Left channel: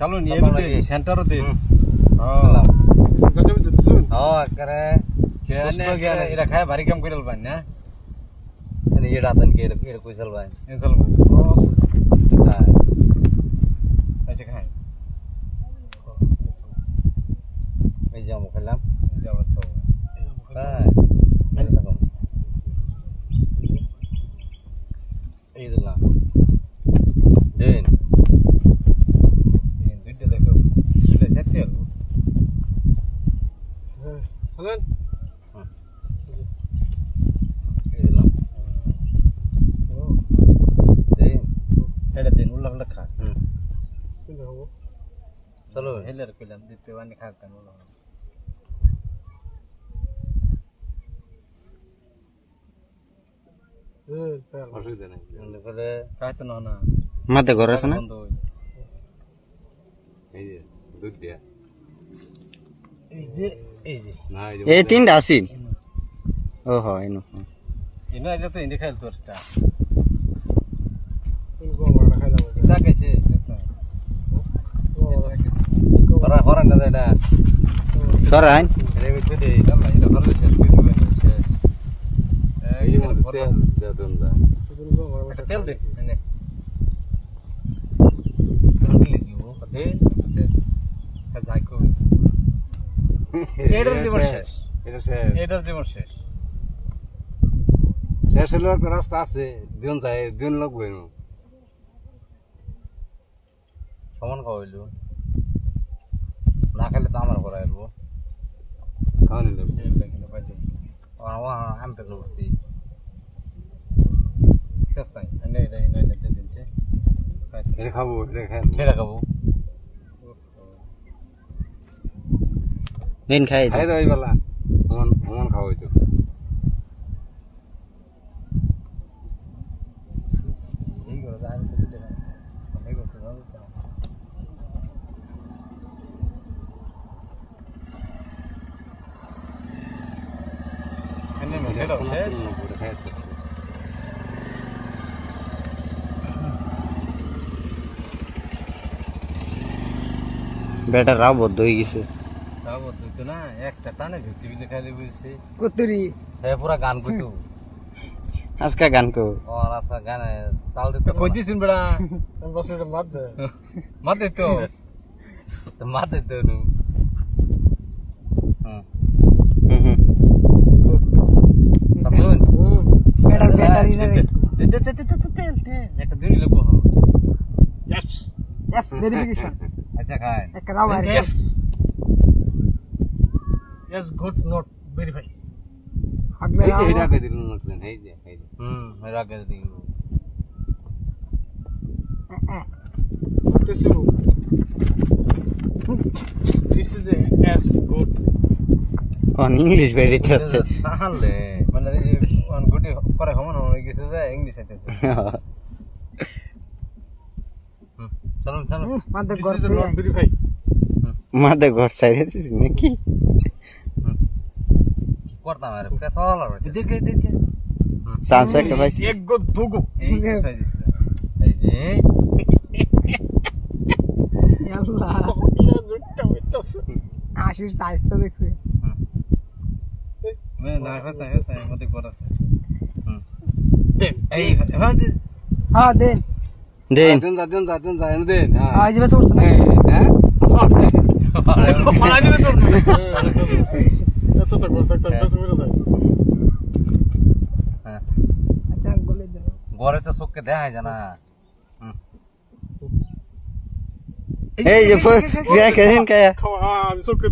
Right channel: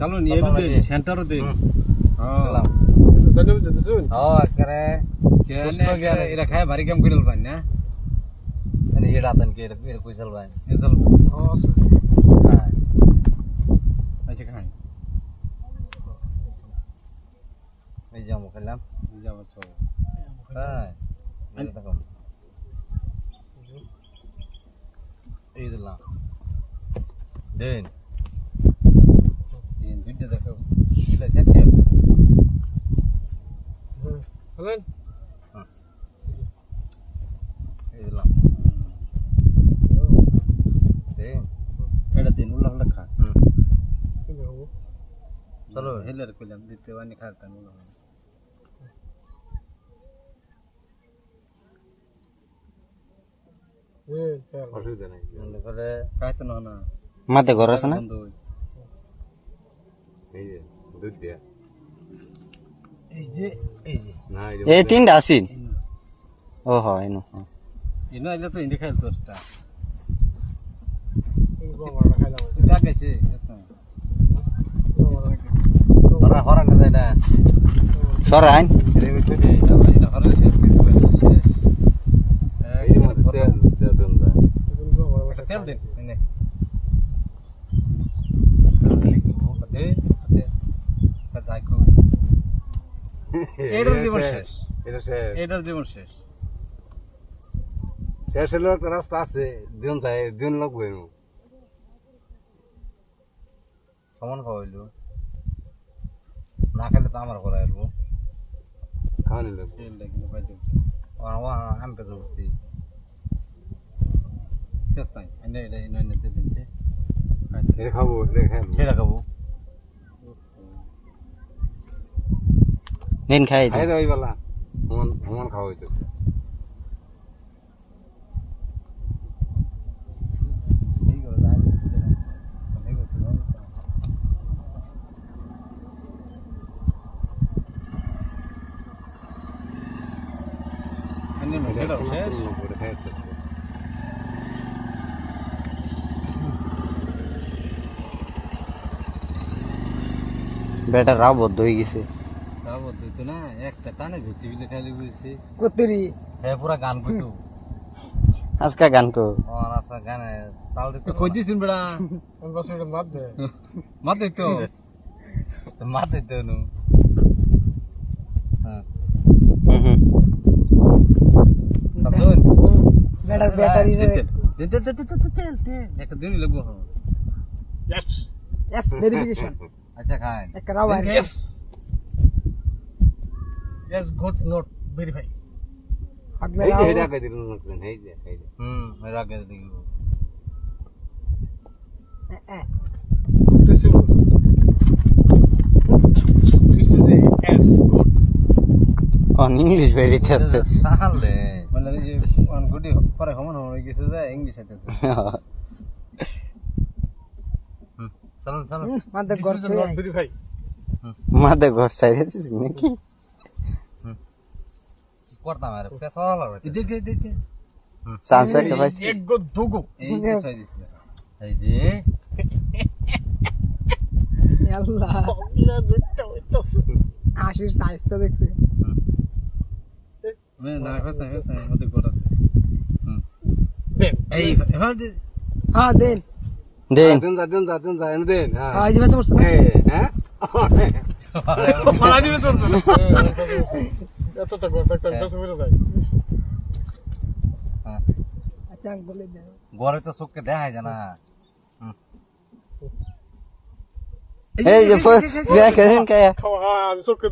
চলুন এরও দে সেন্টারও দে করে এটা খায় ভারী কাম করে পাই না ये रातन के कोई चलवाए চল আচ্ছা খাই এই যে আমো খেলাম যাবো চল হ্যাঁ এই দিলাম দেন এই দুইটা দেখো এটা সেট কর চলেন এই দিলাম দেন এটা দিন উল্লা উল্লা খা চলো হেলার কইলাম দিতে ওয়ানি খাতাম উল্লা অসুবিধা নাই মনে করে খাইতো না না মাতে ঘর আছে না এই যে দুধ দিয়া এই যে না এই তিনটা আছি ও হয় এনো এনো আইলে তো ইন্দি খাইল তোরটা এটা কেছে হরা হরা না যায় না সরাইন রে বিতে দে এটা হরে শেষ করে দিবেন শেষ এই যে মধ্যে তেল দেন দা তেল দে এনে তেল দিলি কি ও দে কাজাই কো এটার জীবন শেষ এটা শেষ এটার জীবন শেষ শেষ হলো একটা রাস্তা আছে দিন যায় দিন লাগবে না সমান খাওয়াইলো না খেলে তো আমার ঘরে আসবো খাওয়ানি লাগবে কিন্তু বাজে আমি পেতে বসছি শেষ তাই এনে এটা এনে এনে দিয়ে দিচ্ছে এটা খাবো এটা খেয়ে খাবো দিন খাই খাই দাও এই বেলা সমান সমান খাওয়াইছো এই করে দাঁড় দিতে না অনেক করতে দাও এনে মে খেলো শেষ খাই বেটা রাও বদ্ধ হয়ে গেছে তাও বলতো না একটা টানে ভিত্তি বিলে খালি বলছে কতরি হ্যাঁ পুরা গান কইতো আজকা গান কো और ऐसा गाना ताल दे কই দিছিন বড়া আমি বসে এটা মাত দে तो मार दे दो नु हां তাছুন এটা ব্যাটারি দে একটা দিন লাগবো यस यस वेरिफिकेशन अच्छा खाए एक Rao yes yes good note verify এই যে হেডা কে দিলুন নতলেন এই যে হেডা কে দিলু this is a as good on english very test সালে মানে অন গুডি পরে হমন হয়ে গেছে যে ইংলিশ আইতেছে চলুন চলুন মাদে this is not verify মাদে ঘর সাইরেছিস নাকি করতাম আরে পেছা হলো রে দেখে চান্স একটা ভাই এক গো দুগো এই যে সই দিছিল এই যে আল্লাহ ইয়া জুটটা হইতাছে আশির সাইজ তো দেখছি মে না হতা মতে করাছে দেন এই হ্যাঁ দেন দেন দিন যা এনে দেন হ্যাঁ আজ বেশ বসে এই হ্যাঁ মালা দিবে তোর এত তো করতে একটা বেশ মেরে যায় হ্যাঁ আচ্ছা বলে দে ঘরে তো চোখকে দেখায় জানা এই যে ফোন কে কেন কে খাওয়া আমি সবকে